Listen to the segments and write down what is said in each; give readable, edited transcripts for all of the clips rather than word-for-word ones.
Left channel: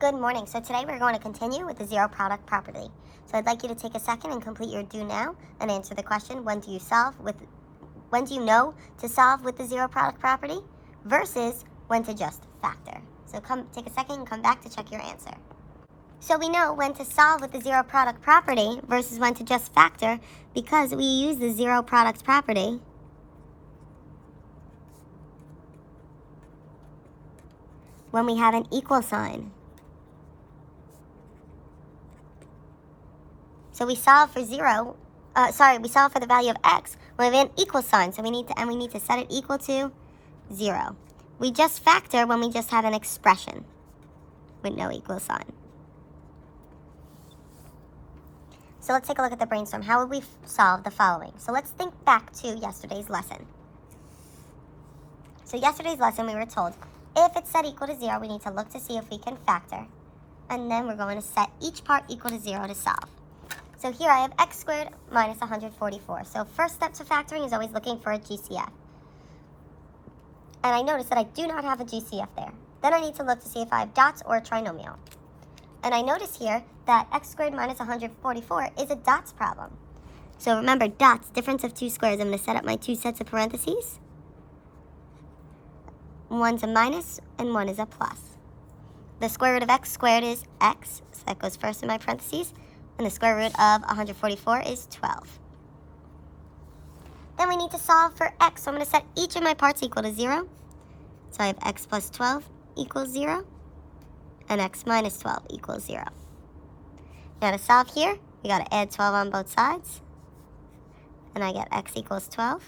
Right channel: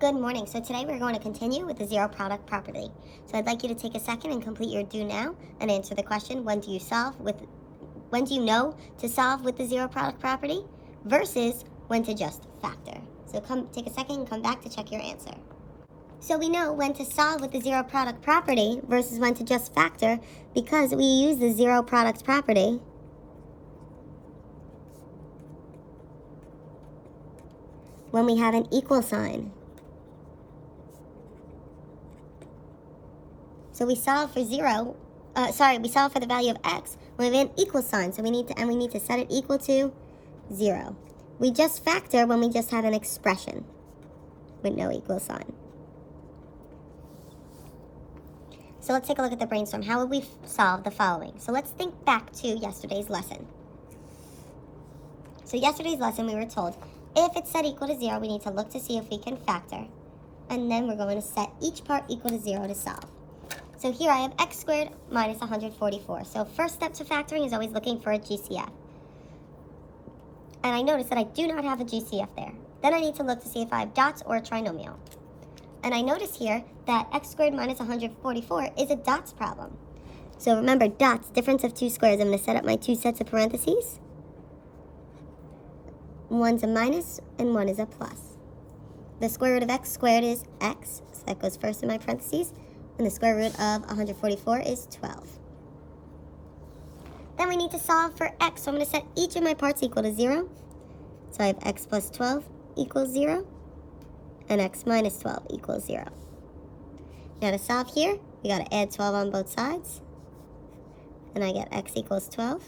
Good morning. So today we're going to continue with the zero product property. So I'd like you to take a second and complete your do now and answer the question, when do you know to solve with the zero product property versus when to just factor. So take a second and come back to check your answer. So we know when to solve with the zero product property versus when to just factor because we use the zero product property when we have an equal sign. So we solve for we solve for the value of x when we have an equal sign. So we need to set it equal to 0. We just factor when we just have an expression with no equal sign. So let's take a look at the brainstorm. How would we solve the following? So let's think back to yesterday's lesson. So yesterday's lesson we were told if it's set equal to 0, we need to look to see if we can factor. And then we're going to set each part equal to 0 to solve. So here I have x squared minus 144. So first step to factoring is always looking for a GCF. And I notice that I do not have a GCF there. Then I need to look to see if I have dots or a trinomial. And I notice here that x squared minus 144 is a dots problem. So remember, dots, difference of two squares. I'm going to set up my two sets of parentheses. One's a minus and one is a plus. The square root of x squared is x, so that goes first in my parentheses. And the square root of 144 is 12. Then we need to solve for x. So I'm going to set each of my parts equal to 0. So I have x plus 12 equals 0. And x minus 12 equals 0. Now to solve here, we got to add 12 on both sides. And I get x equals 12.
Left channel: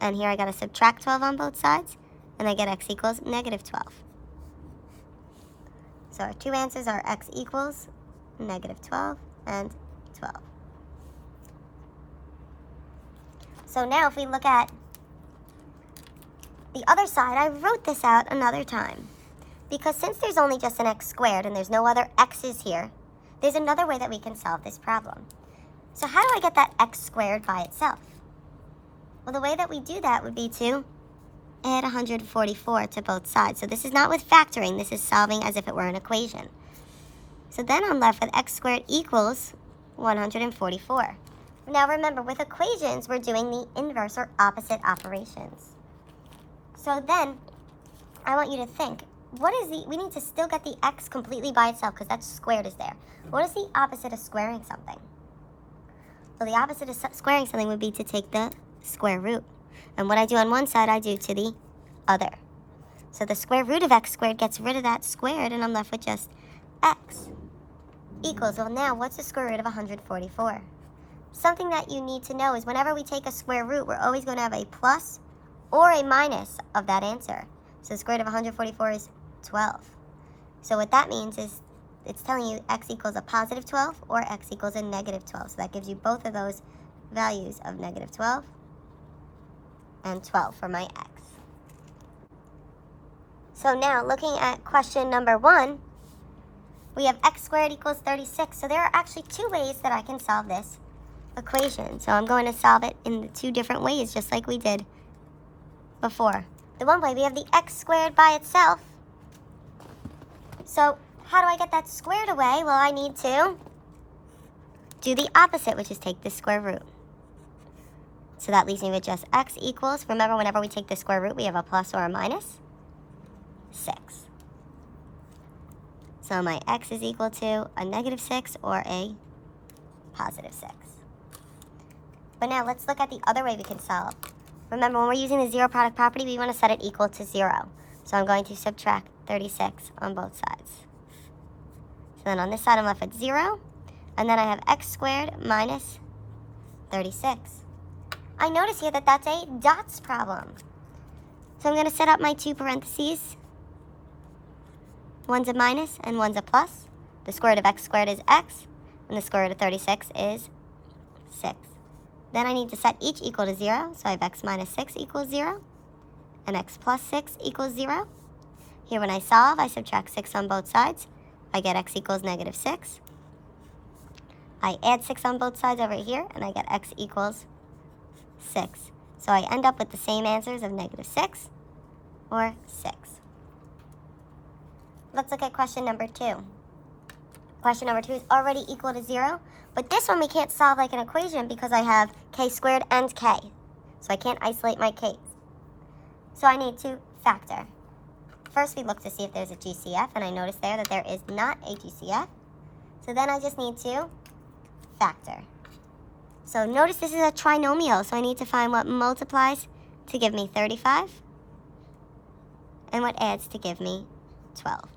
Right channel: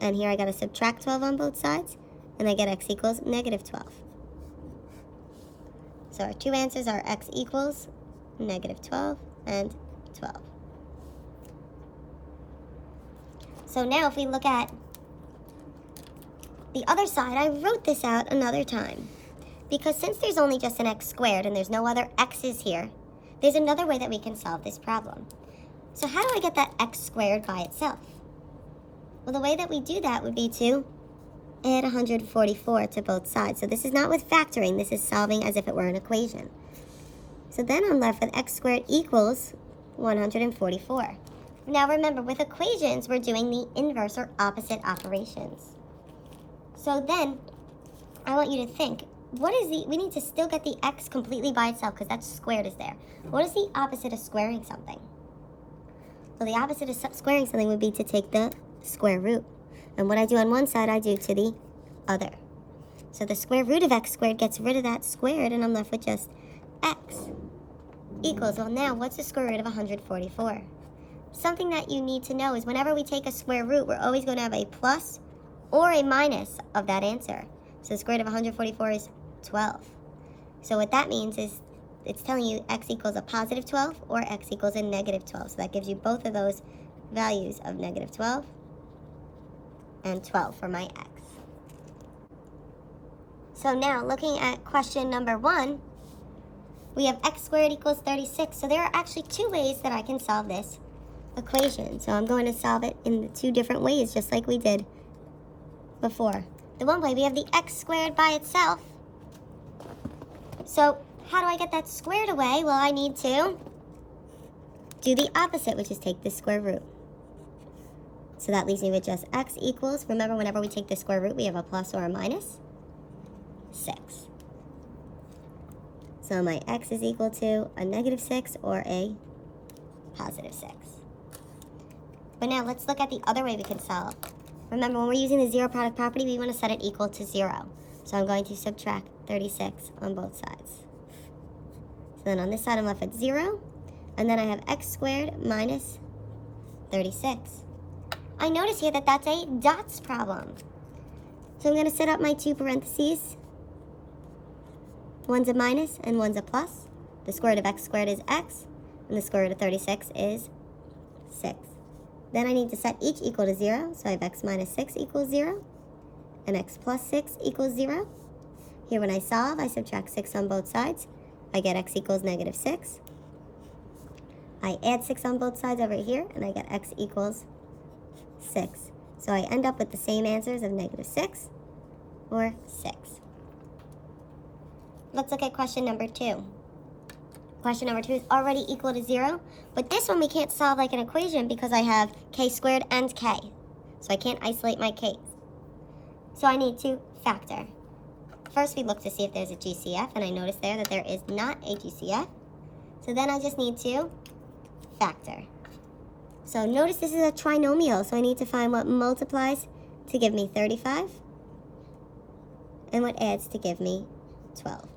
And here I got to subtract 12 on both sides. And I get x equals negative 12. So our two answers are x equals negative 12 and 12. So now if we look at the other side, I wrote this out another time. Because since there's only just an x squared and there's no other x's here, there's another way that we can solve this problem. So how do I get that x squared by itself? Well, the way that we do that would be to add 144 to both sides. So this is not with factoring, this is solving as if it were an equation. So then I'm left with x squared equals 144. Now remember, with equations, we're doing the inverse or opposite operations. So then, I want you to think, we need to still get the x completely by itself because that squared is there. What is the opposite of squaring something? Well, the opposite of squaring something would be to take the square root. And what I do on one side, I do to the other. So the square root of x squared gets rid of that squared, and I'm left with just x equals, well now, what's the square root of 144? Something that you need to know is whenever we take a square root, we're always going to have a plus or a minus of that answer. So the square root of 144 is 12. So what that means is it's telling you x equals a positive 12 or x equals a negative 12. So that gives you both of those values of negative 12 and 12 for my x. So now looking at question number 1, we have x squared equals 36. So there are actually two ways that I can solve this equation. So I'm going to solve it in the two different ways, just like we did before. The one way, we have the x squared by itself. So how do I get that squared away? Well, I need to do the opposite, which is take the square root. So that leaves me with just x equals, remember whenever we take the square root, we have a plus or a minus, 6. So my x is equal to a negative 6 or a positive 6. But now let's look at the other way we can solve. Remember, when we're using the zero product property, we want to set it equal to 0. So I'm going to subtract 36 on both sides. So then on this side, I'm left with 0. And then I have x squared minus 36. I notice here that that's a dots problem. So I'm going to set up my two parentheses. One's a minus and one's a plus. The square root of x squared is x, and the square root of 36 is 6. Then I need to set each equal to 0, so I have x minus 6 equals 0, and x plus 6 equals 0. Here when I solve, I subtract 6 on both sides. I get x equals negative 6. I add 6 on both sides over here, and I get x equals 6. So I end up with the same answers of negative 6 or 6. let's look at question number 2. Question number 2 is already equal to 0, but this one we can't solve like an equation because I have k squared and k. So I can't isolate my k's. So I need to factor. First we look to see if there's a GCF, and I notice there that there is not a GCF. So then I just need to factor. So notice this is a trinomial, so I need to find what multiplies to give me 35 and what adds to give me 12.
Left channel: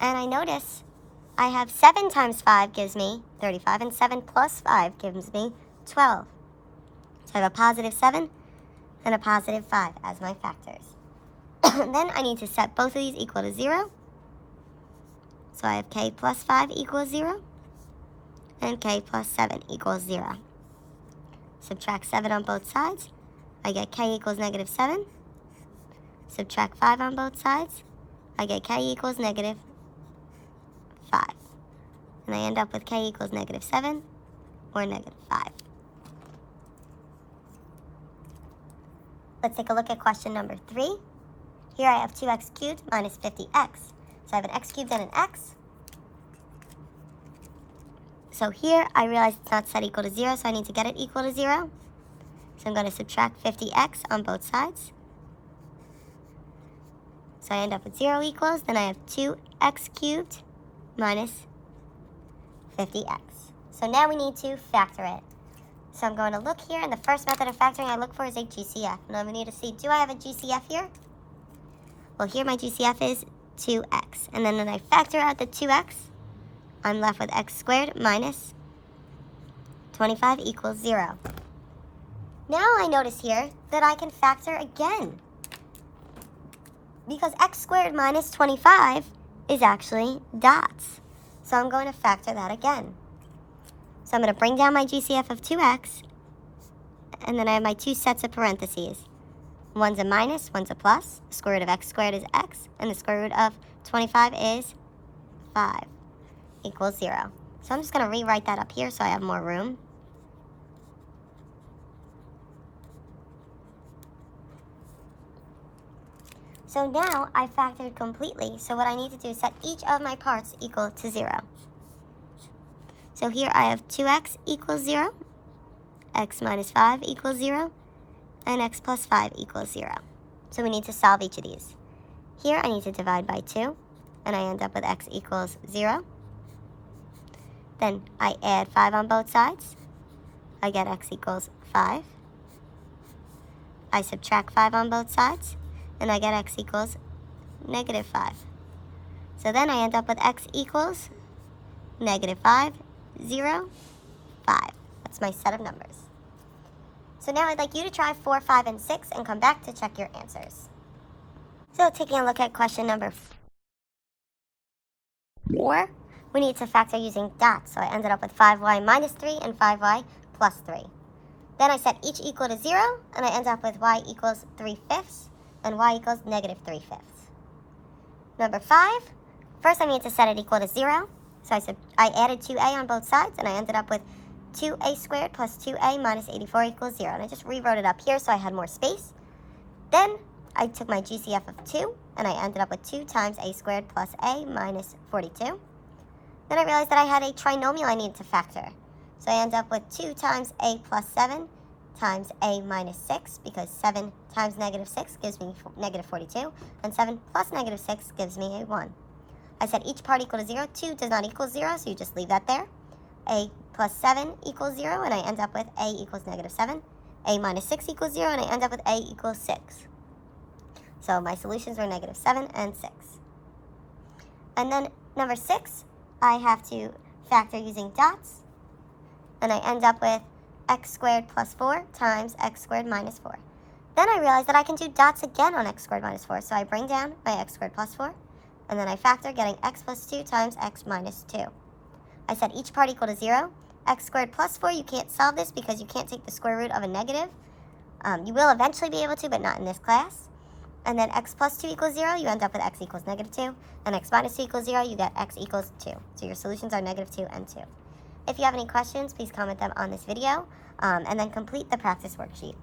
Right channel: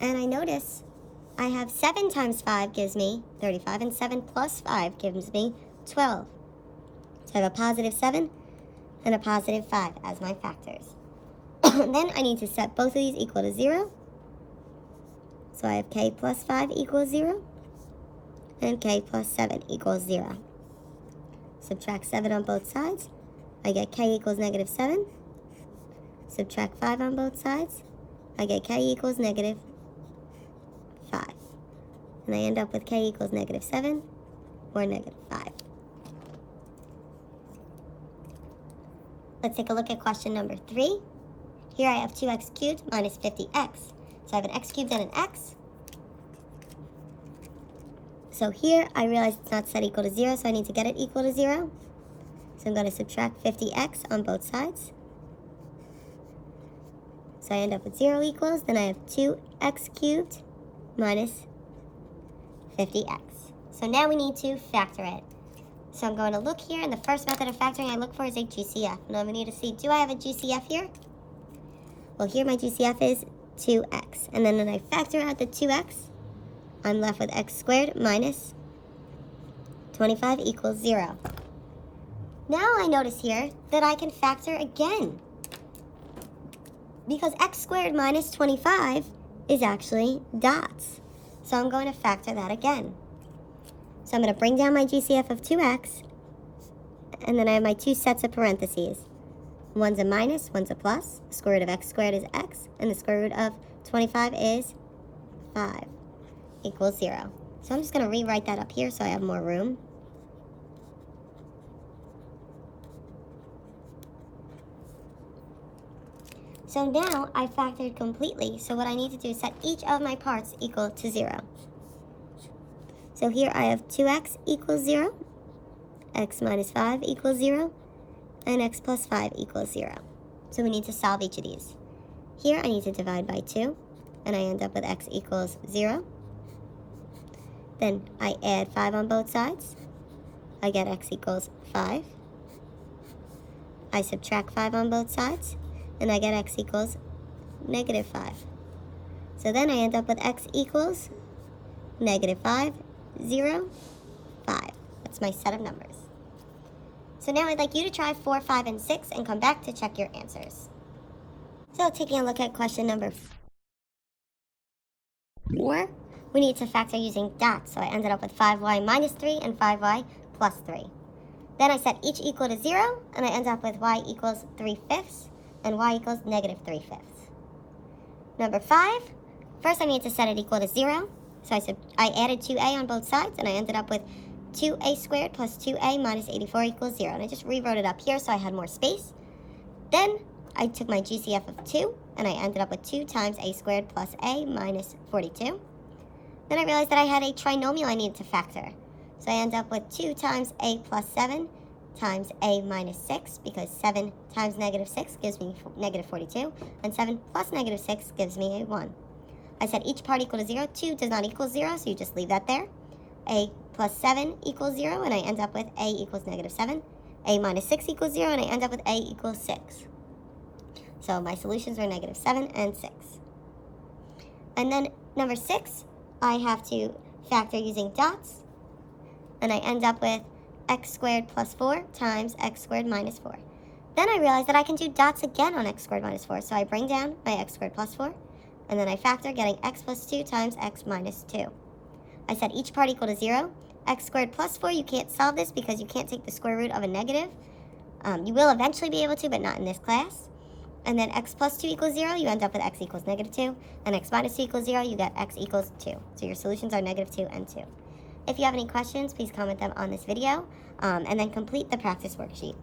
And I notice I have 7 times 5 gives me 35, and 7 plus 5 gives me 12. So I have a positive 7 and a positive 5 as my factors. Then I need to set both of these equal to 0. So I have k plus 5 equals 0, and k plus 7 equals 0. Subtract 7 on both sides. I get k equals negative 7. Subtract 5 on both sides. I get k equals negative 5. And I end up with k equals negative 7 or negative 5. Let's take a look at question number 3. Here I have 2x cubed minus 50x. So I have an x cubed and an x. So here I realize it's not set equal to 0, so I need to get it equal to 0. So I'm going to subtract 50x on both sides. So I end up with 0 equals, then I have 2x cubed minus 50x. So now we need to factor it. So I'm going to look here, and the first method of factoring I look for is a GCF. And I'm going to need to see, do I have a GCF here? Well, here my GCF is 2x. And then when I factor out the 2x, I'm left with x squared minus 25 equals 0. Now I notice here that I can factor again, because x squared minus 25 is actually dots. So I'm going to factor that again. So I'm going to bring down my GCF of 2x, and then I have my 2 sets of parentheses. One's a minus, one's a plus. The square root of x squared is x, and the square root of 25 is 5 equals 0. So I'm just going to rewrite that up here so I have more room. So now I factored completely, so what I need to do is set each of my parts equal to 0. So here I have 2x equals 0, x minus 5 equals 0, and x plus 5 equals 0. So we need to solve each of these. Here I need to divide by 2, and I end up with x equals 0. Then I add 5 on both sides. I get x equals 5. I subtract 5 on both sides, and I get x equals negative 5. So then I end up with x equals negative 5, 0, 5. That's my set of numbers. So now I'd like you to try 4, 5, and 6 and come back to check your answers. So taking a look at question number 4, we need to factor using dots. So I ended up with 5y minus 3 and 5y plus 3. Then I set each equal to 0, and I end up with y equals 3/5 and y equals negative 3/5. Number 5, first I need to set it equal to 0. So I added 2a on both sides, and I ended up with 2a squared plus 2a minus 84 equals 0. And I just rewrote it up here so I had more space. Then I took my GCF of 2, and I ended up with 2 times a squared plus a minus 42. Then I realized that I had a trinomial I needed to factor. So I end up with 2 times a plus 7 times a minus 6, because 7 times negative 6 gives me negative 42, and 7 plus negative 6 gives me a 1. I set each part equal to 0. 2 does not equal 0, so you just leave that there. A plus 7 equals 0, and I end up with a equals negative 7. A minus 6 equals 0, and I end up with a equals 6. So my solutions are negative 7 and 6. And then number 6, I have to factor using dots, and I end up with x squared plus 4 times x squared minus 4. Then I realized that I can do dots again on x squared minus 4, so I bring down my x squared plus 4, and then I factor, getting x plus 2 times x minus 2. I set each part equal to 0. X squared plus 4, you can't solve this because you can't take the square root of a negative. You will eventually be able to, but not in this class. And then x plus 2 equals 0, you end up with x equals negative 2. And x minus 2 equals 0, you get x equals 2. So your solutions are negative 2 and 2. If you have any questions, please comment them on this video, and then complete the practice worksheet.